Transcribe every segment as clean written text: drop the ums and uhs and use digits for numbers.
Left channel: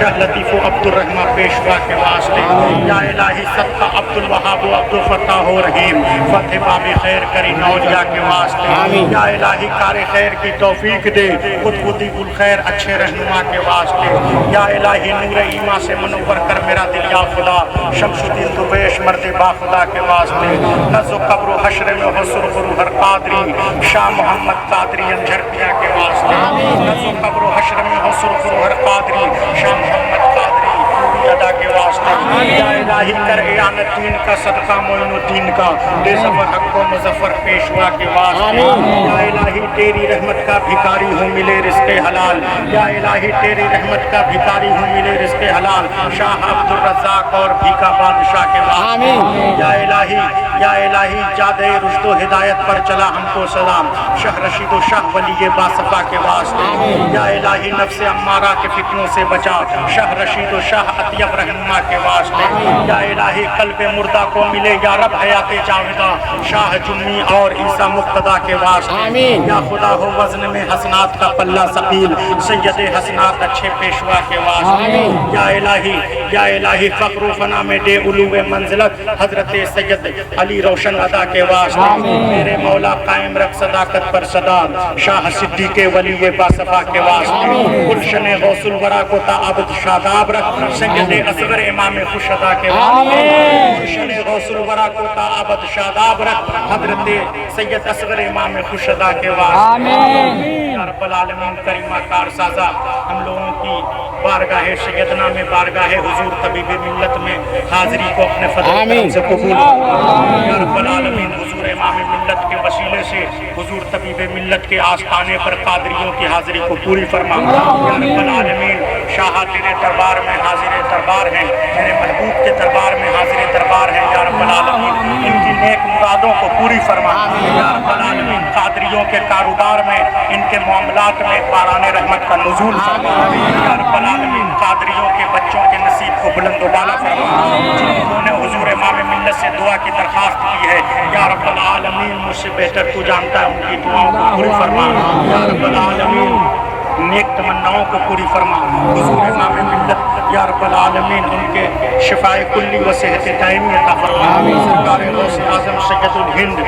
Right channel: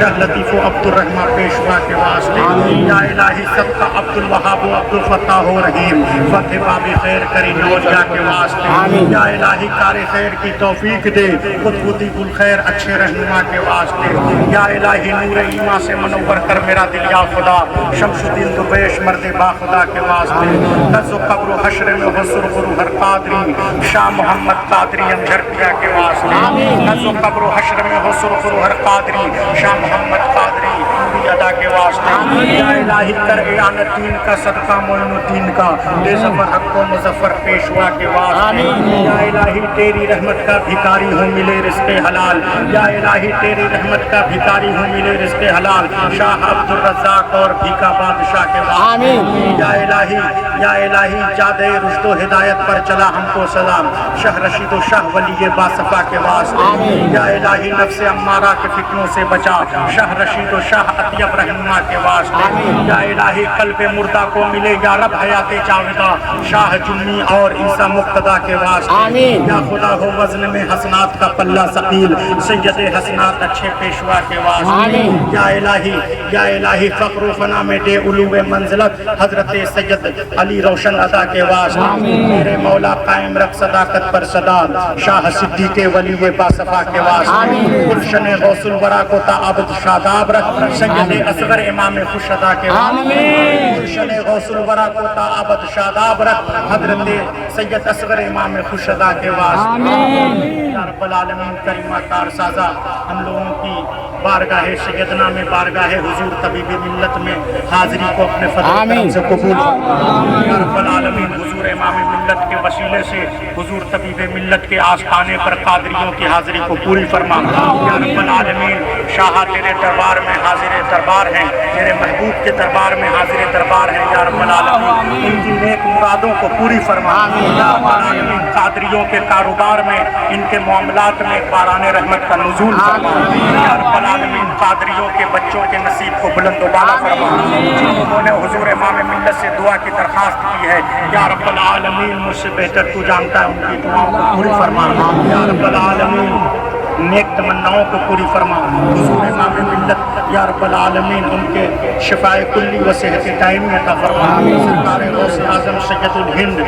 شاہ لطیف و عبد الرحمن پیشوا کے واسطے، یا الہی صدقہ عبد الوہاب و عبد الفتاح و رحیم فتح باب خیر کری نوجہ کے واسطے، یا الہی کار خیر کی توفیق دے قطب الخیر اچھے رہنما کے واسطے، یا الہی نور ایمان سے منور کر میرا دل یا خدا شمس الدین درویش مرد با خدا کے واسطے، نز و قبر و حشر میں حسر ہر قادری شاہ محمد قادری انجھرکیا کے واسطے، نز و قبر و حشر میں حسر ہر قادری شاہ محمد قادری ادا کے واسطے، یا الہی کر اعانت دین کا صدقہ معین الدین کا دے ظفر حق و مظفر پیشوا کے واسطے، یا الہی تیری رحمت کا بھکاری ہوں ملے رزق حلال، یا الہی تیری رحمت کا بھکاری ہوں ملے رزق حلال شاہ عبد الرزاق اور بھیکا بادشاہ کے واسطے، یا الہی جادے رشد و ہدایت پر چلا ہم کو سلام شاہ رشید و شاہ ولی باصفا کے واسطے، یا الہی نفس امارہ کے فتنوں سے بچا شاہ رشید و شاہ اطیب رہنما کے واسطے، یا الہی قلب مردہ کو ملے یا رب حیات جاودہ شاہ جمی اور عیسیٰ مقتدیٰ کے واسطے، یا خدا ہو وزن میں حسنات کا پلہ ثقیل سید حسنات اچھے پیشوا کے واسطے، یا الہی فقر و فنا میں دے علو منزلت حضرت سید علی روشن ادا کے واسطے، میرے مولا قائم رکھ صداقت پر صداد شاہ صدیق ولی باصفا کے واسطے، گلشن غوث الورا کو تا عبد شاداب رکھ سید اصغر امام خوش ادا کے واسطے، گلشن غوث الورا کو تا عبد شاداب رکھ حضرت سید اصغر امام خوش ادا کے واسطے، یا رب العالمین کریمہ کار سازا ہم لوگوں کی بارگاہ سیدنا میں بارگاہ حضور طبیب ملت میں حاضری کو اپنے فضل و کرم سے قبول فرما، یا رب العالمین حضور امام ملت کے وسیلے سے حضور طبیب ملت کے آستانے پر قادریوں کی حاضری کو پوری فرما، یا رب العالمین شاہ تیرے دربار میں حاضر دربار ہیں، تیرے محبوب کے دربار میں حاضر دربار ہیں، یا رب العالمین ان کی نیک مرادوں کو پوری فرما، یا رب العالمین قادریوں کے کاروبار میں ان کے معاملات میں باران رحمت کا نزول فرما، یا رب العالمین قادریوں کے بچوں کے نصیب کو بلند و بالا فرما، جنہوں نے حضور امام ملت سے دعا کی درخواست کی ہے، یا رب العالمین مجھ سے بہتر تو جانتا ہے ان کی دعاؤں کو پوری فرما، یا رب العالمین نیک تمناؤں کو پوری فرما، حضور امام ملت یا رب العالمین ان کے شفاء کلی و صحت دائمی عطا فرما، سرکار غوث اعظم سید الہند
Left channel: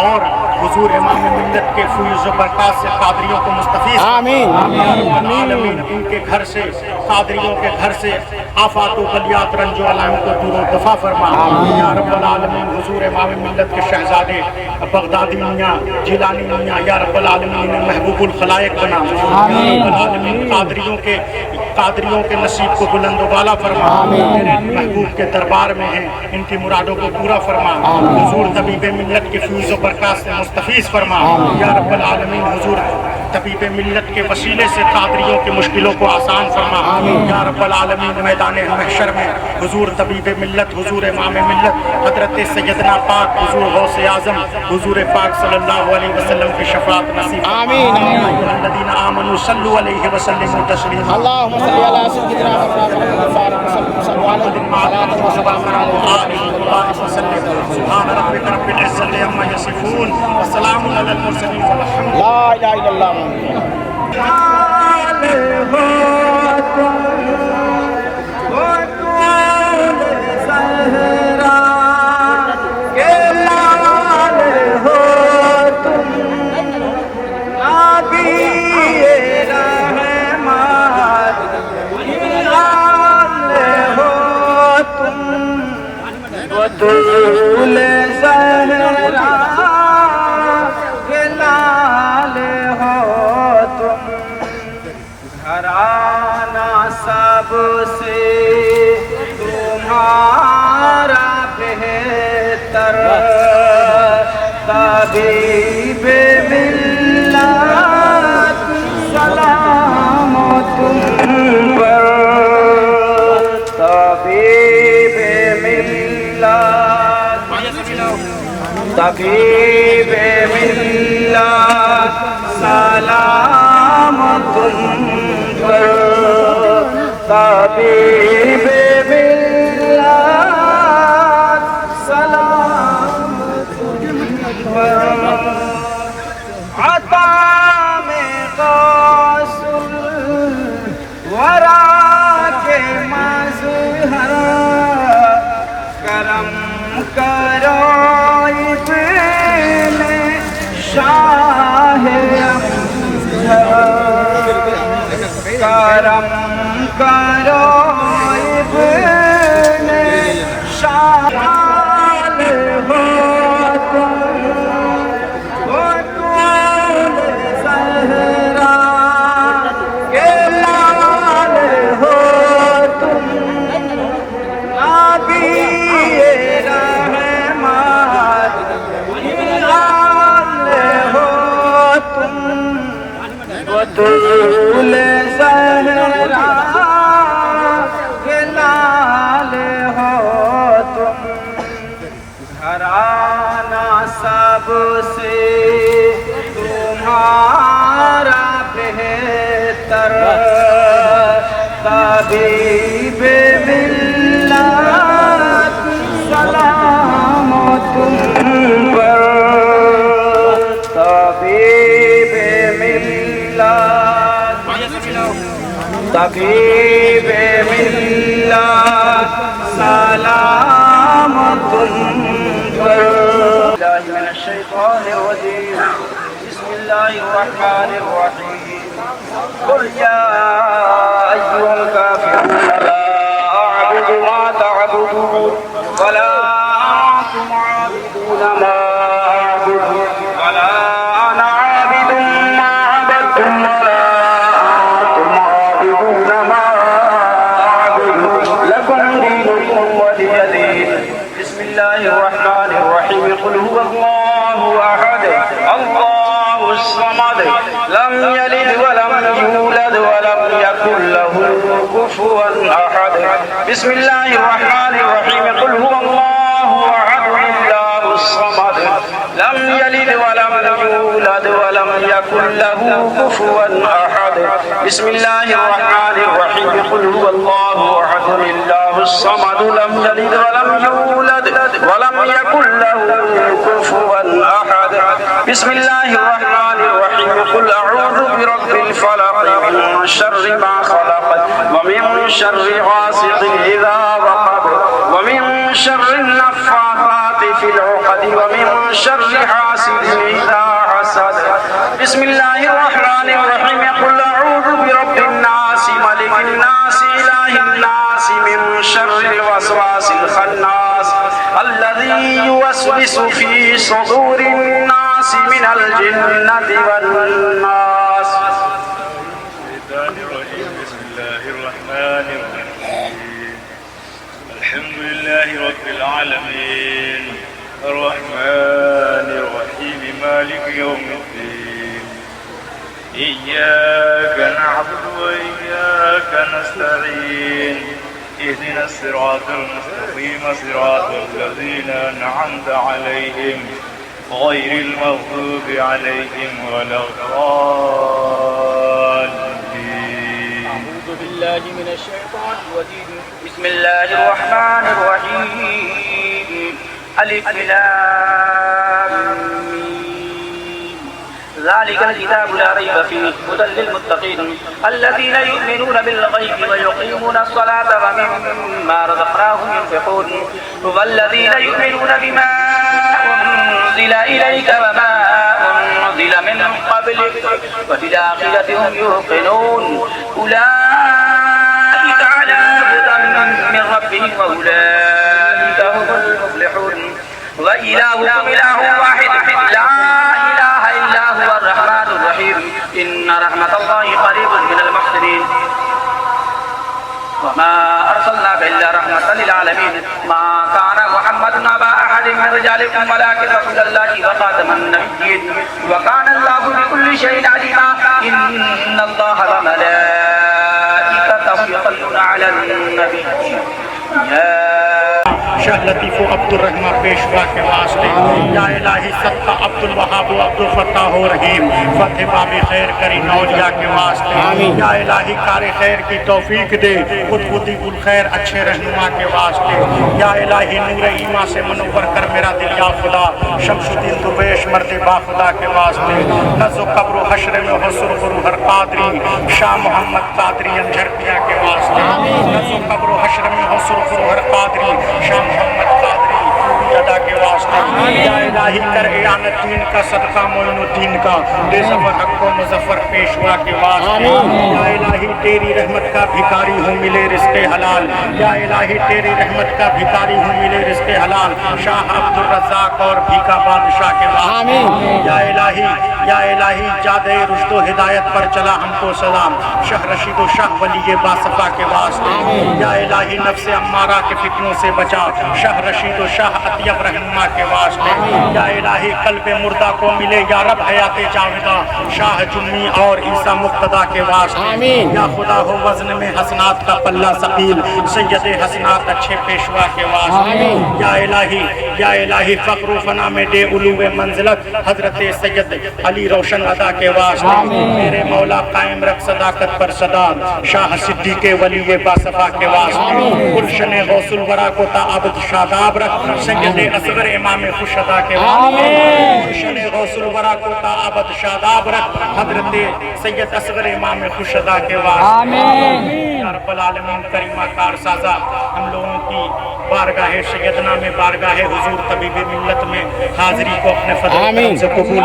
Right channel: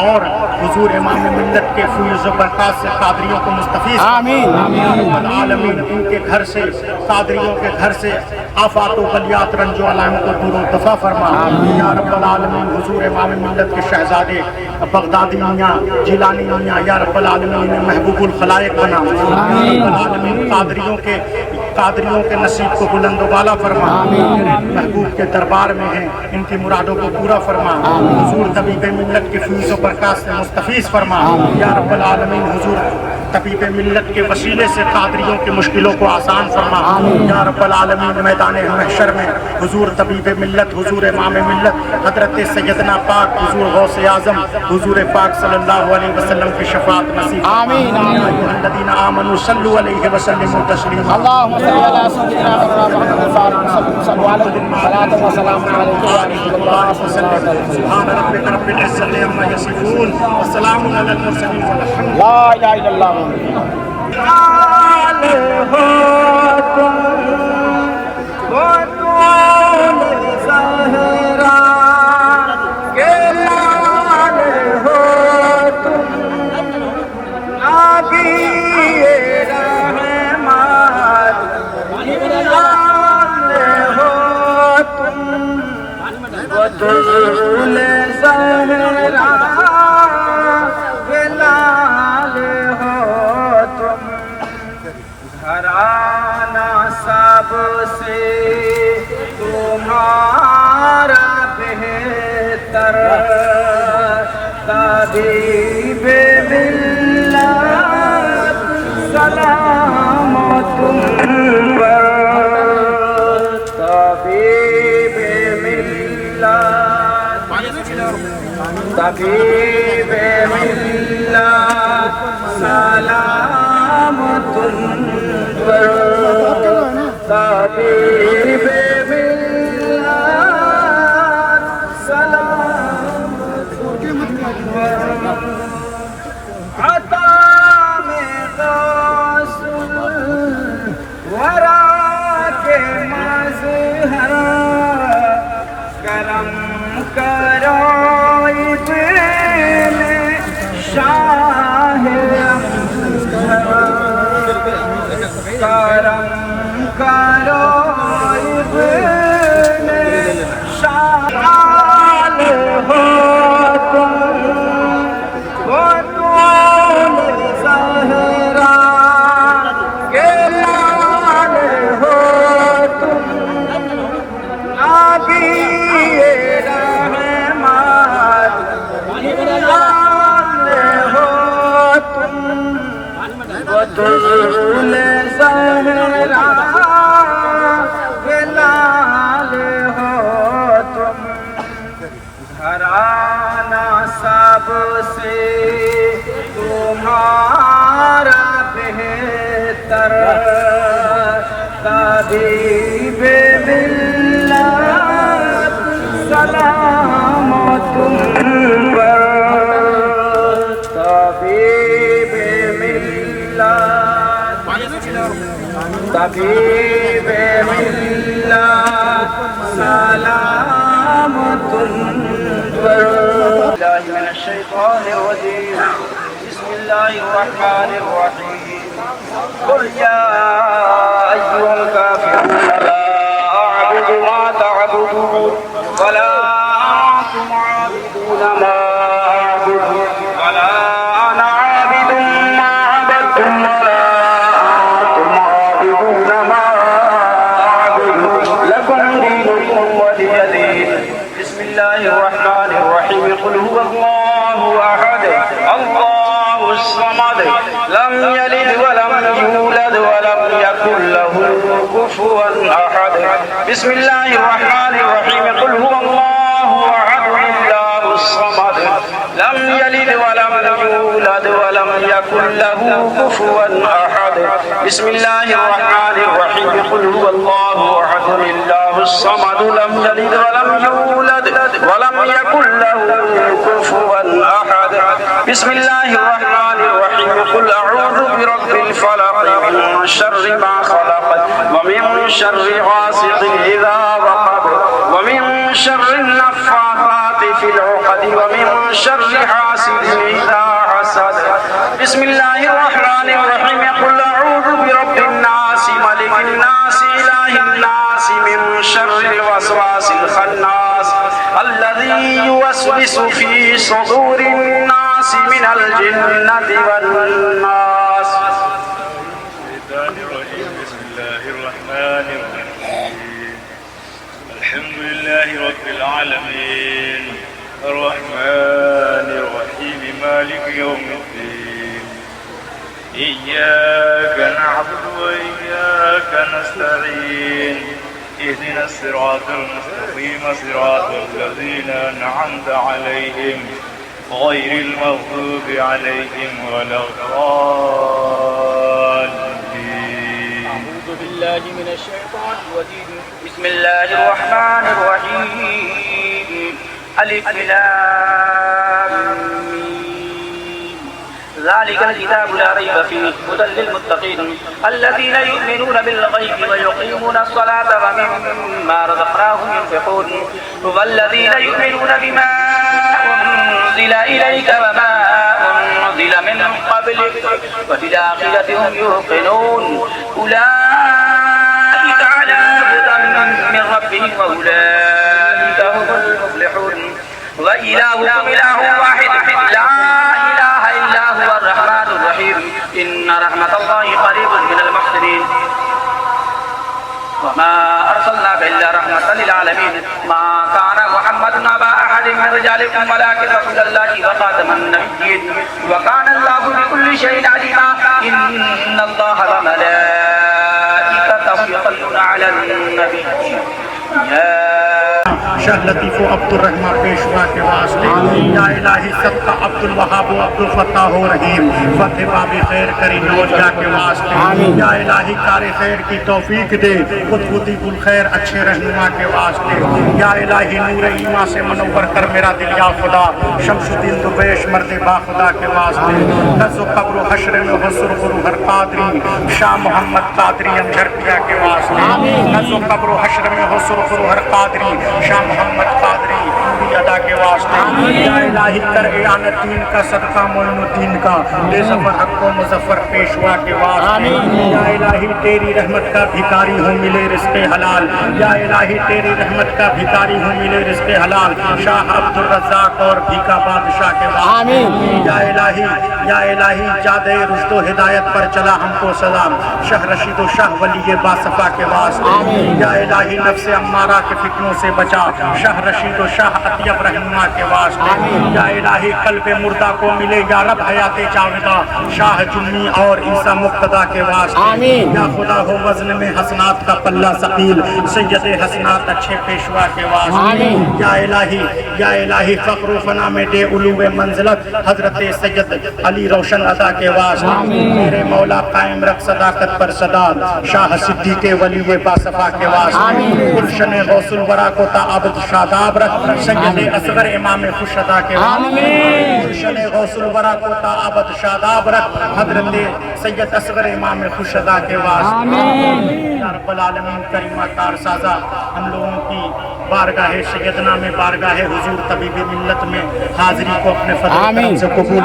اور حضور امام ملت کے فیض و برکات سے قادریوں کو مستفیض، آمین یا رب العالمین ان کے گھر سے قادریوں کے گھر سے آفات و بلیات رنج و علائم کو دور و دفع فرما، یا رب العالمین حضور امام ملت کے شہزادے بغدادی میاں جیلانی میاں یا رب العالمین محبوب الخلائق بنا، یا رب العالمین قادریوں کے نصیب کو بلند و بالا فرما، تیرے محبوب کے دربار میں ہیں ان کی مرادوں کو پورا فرما، حضور طبیب ملت کے فیض و برکات سے مستفیض فرما، یا رب العالمین حضور طبیب ملت کے وسیلے سے قادریوں کی مشکلوں کو آسان فرما، یا رب العالمین میدان محشر میں حضور طبیب ملت حضور امام ملت حضرت سیدنا پاک حضور غوث اعظم حضور پاک صلی اللہ علیہ وسلم کی شفاعت نصیب فرما، آمین ایھا الذین آمنوا صلوا علیہ وسلموا تسلیما، اللهم صل علی سیدنا محمد سبحان ربک رب العزة عما یصفون وسلام علی المرسلین والحمد للہ لا الہ الا اللہ۔ لال ہو تم وہ طول زہرا کے لال ہو تم نبی رحمت لال ہو تم وہ طول زہرا کے لال ہو تم گھرانہ سب سے تمہارا بہتر طبیب ملت سلام تم پر طبیب ملت طبیب ملت سلام تم پر طبیب ملت سلام تم پر عطا میں غوث الورا کے کرو ابن شال ہو تم وہ طول زہرا کے لال ہو تم نبی رحمت لال ہو تم وہ طول زہرا کے لال ہو تم گھرانہ سب سے تمہارا بہتر طبیب ملت سلام تم پر طبیب ملت طبیب ملت سلام تم پر اللہ من الشیطان الرجیم بسم اللہ الرحمن الرحیم قل یا ایھا الکافرون لا اعبد ما تعبدون ولا انتم عابدون ما اعبد ولا انا عابد ما عبدتم ولا انتم عابدون ما اعبد لكم دينكم ولي دين بسم الله الرحمن الرحيم قل هو الله احد الله الصمد لم يلد ولم يولد ولم يكن له كفوا احد بسم الله الرحمن الرحيم قل هو الله احد الله الصمد لم يلد ولم يولد ولم يكن له كفوا احد بسم الله الرحمن الرحيم قل هو الله احد الله الصمد لم يلد ولم يولد ولم يكن له كفوا احد بسم الله الرحمن الرحيم قل اعوذ برب الفلق من شر ما خلق ومن شر غاسق اذا وقب ومن شر النفاثات في العقد ومن شر حاسد اذا حسد بسم الله الرحمن الرحيم قل اعوذ برب الناس ملك الناس اله الناس من شر الوسواس الخناس الذي يوسوس في صدور الناس من الجنة والناس بسم الله الرحمن الرحيم الحمد لله رب العالمين الرحمن الرحيم مالك يوم الدين إياك نعبد وإياك نستعين اهدنا الصراط المستقيم صراط الذين أنعمت عليهم غير المغضوب عليهم ولا الضالين أعوذ بالله من الشيطان الرجيم بسم الله الرحمن الرحيم ألف لام ميم ذلك الكتاب لا ريب فيه هدى للمتقين الذين يؤمنون بالغيب ويقيمون الصلاة ومما رزقناهم ينفقون والذين يؤمنون بما أنزل إليك وما أنزل من قبلك وبالآخرة هم يوقنون أولئك على هدى من ربهم وأولئك هم المفلحون وإلهكم إله واحد لا إله إلا هو الرحمن الرحيم إن رحمة الله قريب من المحسنين وما أرسلناك إلا رحمة للعالمين ما كان محمد أبا أحد من رجالكم ولكن رسول الله وخاتم النبيين وكان الله بكل شيء عليما إن الله وملائكته يصلون على النبي يا شاہ لطیف و عبد الرحمن پیشوا کے واسطے یا الہی صدقہ عبد الوہاب و عبد الفتاح و رحیم فتح باب خیر کری نوجہ کے واسطے یا الہی کار خیر کی توفیق دے قطب الخیر اچھے رہنما کے واسطے یا الہی نور ایمان سے منور کر میرا دل یا خدا شمس الدین درویش مرد با خدا کے واسطے نزو قبر و حشر میں حسر ہر قادری شاہ محمد قادری انجھر پیا کے واسطے نزو قبر و حشر میں حسر ہر قادری شاہ محمد قادری پوری ادا کے واسطے یا الہی کر اعانت دین کا صدقہ معین الدین کا بے ظفر حق و مظفر پیشوا کے واسطے یا الہی تیری رحمت کا بھکاری ہوں ملے رزق حلال یا الہی تیری رحمت کا بھکاری ہوں ملے رزق حلال شاہ عبد الرزاق اور بھیکا بادشاہ کے واسطے یا الہی جادے رشد و ہدایت پر چلا ہم کو سلام شاہ رشید و شاہ ولی باصفا کے واسطے یا الہی نفس امارہ کے فتنوں سے بچا شاہ رشید و شاہ اطیب رہنما کے واسطے یا الہی قلب مردہ کو ملے یا رب حیات جاویدہ شاہ جمی اور عیسیٰ مقتدیٰ کے واسطے یا خدا ہو وزن میں حسنات کا پلہ ثقیل سید حسنات اچھے پیشوا کے واسطے یا الہی فقر و فنا میں دے علو منزلت حضرت سید علی روشن ادا کے واسطے میرے مولا قائم رکھ صداقت پر صداد شاہ صدیق ولی باصفا کے واسطے گلشن غوث الورا کو تعبد شاداب رکھ سید اصغر امام خوش ادا کے واسطے گلشن غوث الورا کو تعبد شاداب رکھ حضرت سید اصغر امام خوش ادا کے واسطے یا رب العالمین کریمہ کار سازا ہم لوگوں کی بارگاہ سیدنا میں بارگاہ حضور طبیب ملت میں حاضری کو اپنے فضل کرم سے قبول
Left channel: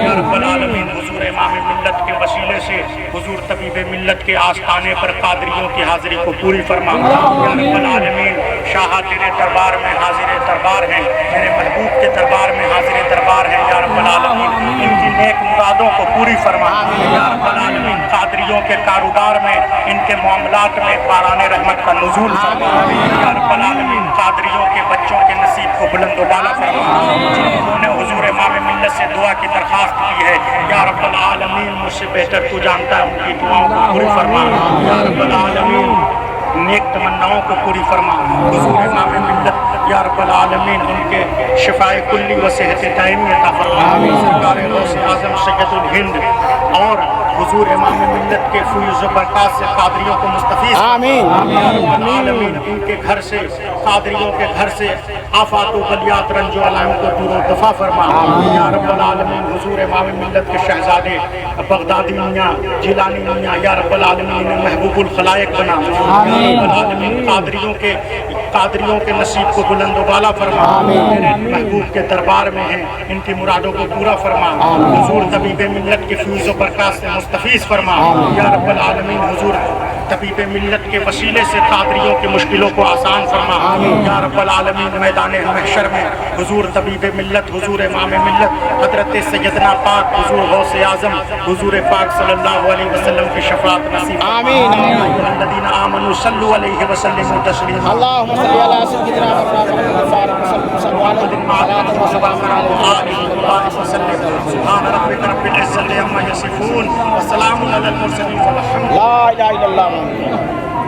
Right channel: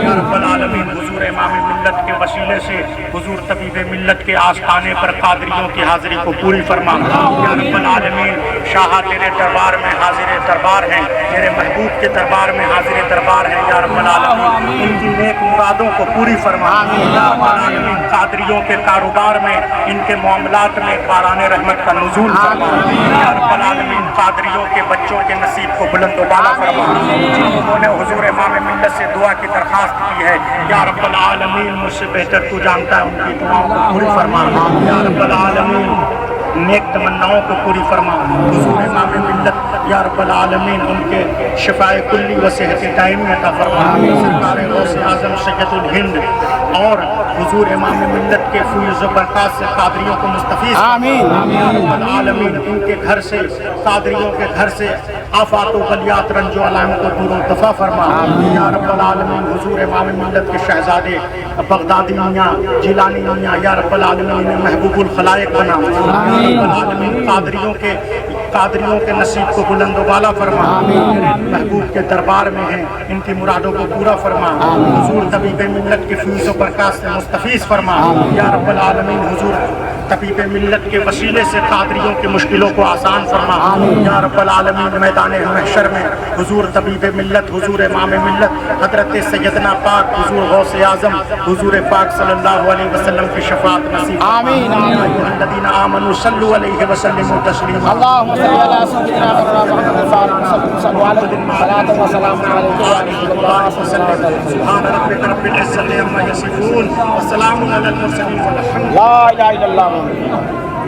یا رب العالمین حضور امام ملت کے وسیلے سے حضور طبیب ملت کے آستانے پر قادریوں کی حاضری کو پوری فرما یا رب العالمین شاہ تیرے دربار میں حاضر دربار ہیں میرے محبوب کے دربار میں حاضر دربار ہیں یا رب العالمین ان کی نیک مرادوں کو پوری فرما یا رب العالمین قادریوں کے کاروبار میں ان کے معاملات میں باران رحمت کا نزول فرما یا رب العالمین قادریوں کے بچوں کے نصیب کو بلند و بالا فرما جنہوں نے حضور امام ملت سے دعا کی درخواست کی ہے یا رب العالمین مجھ سے بہتر تو جانتا ہے ان کی دعاؤں کو پوری فرما یا رب العالمین نیک تمناؤں کو پوری فرما حضور امام ملت یا رب العالمین ان کے شفاء کلی و صحت دائمی عطا فرما سرکار غوث اعظم سید الہند اور حضور امام ملت کے فیض و برکات سے قادریوں کو مستفیض آمین یا رب العالمین ان کے گھر سے قادریوں کے گھر سے آفات و بلیات رنج و علائم کو دور و دفع فرما یا رب العالمین حضور امام ملت کے شہزادے بغدادی میاں جیلانی میاں یا رب العالمین محبوب الخلائق بنا رب العالمین قادریوں کے نصیب کو بلند و بالا فرما میرے محبوب کے دربار میں ہیں ان کی مرادوں کو پورا فرما حضور طبیب ملت کے فیض و برکات سے مستفیض فرما یا رب العالمین حضور طبیب ملت کے وسیلے سے قادریوں کی مشکلوں کو آسان فرما یا رب العالمین میدان محشر میں حضور طبیب ملت حضور امام ملت حضرت سیدنا پاک حضور غوث اعظم حضور پاک صلی اللہ علیہ وسلم کی شفاعت نصیب آمین ایھا الذین آمنوا صلوا علیہ وسلموا تسلیما اللهم صل علی سیدنا محمد سبحان ربک رب العزة عما یصفون وسلام علی المرسلین والحمد للہ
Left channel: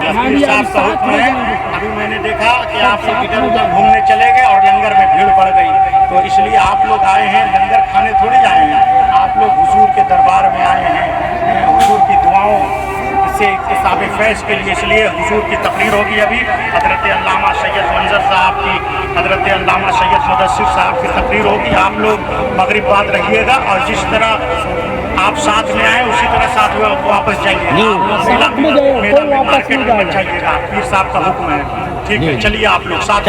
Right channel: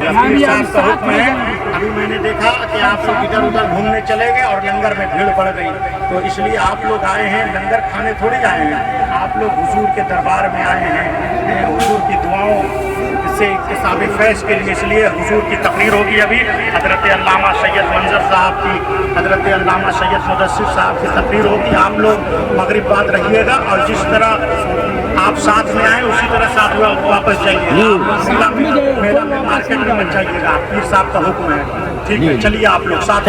رفیع صاحب کا حکم ہے ابھی میں نے دیکھا کہ آپ لوگ ادھر ادھر گھومنے چلے گئے اور لنگر میں بھیڑ پڑ گئی تو اس لیے آپ لوگ آئے ہیں لنگر کھانے تھوڑی آئے ہیں آپ لوگ حضور کے دربار میں آئے ہیں حضور کی دعاؤں سے اکتساب فیض کے لیے اس لیے حضور کی تقریر ہوگی ابھی حضرت علامہ سید منظر صاحب کی حضرت علامہ سید مدثر صاحب کی تقریر ہوگی آپ لوگ مغرب بعد رہیے گا اور جس طرح آپ ساتھ میں آئے اسی طرح ساتھ میں واپس جائیے میلہ میں مارکیٹ میں مت جائیے گا پیر صاحب کا حکم ہے ٹھیک ہے چلیے آپ لوگ ساتھ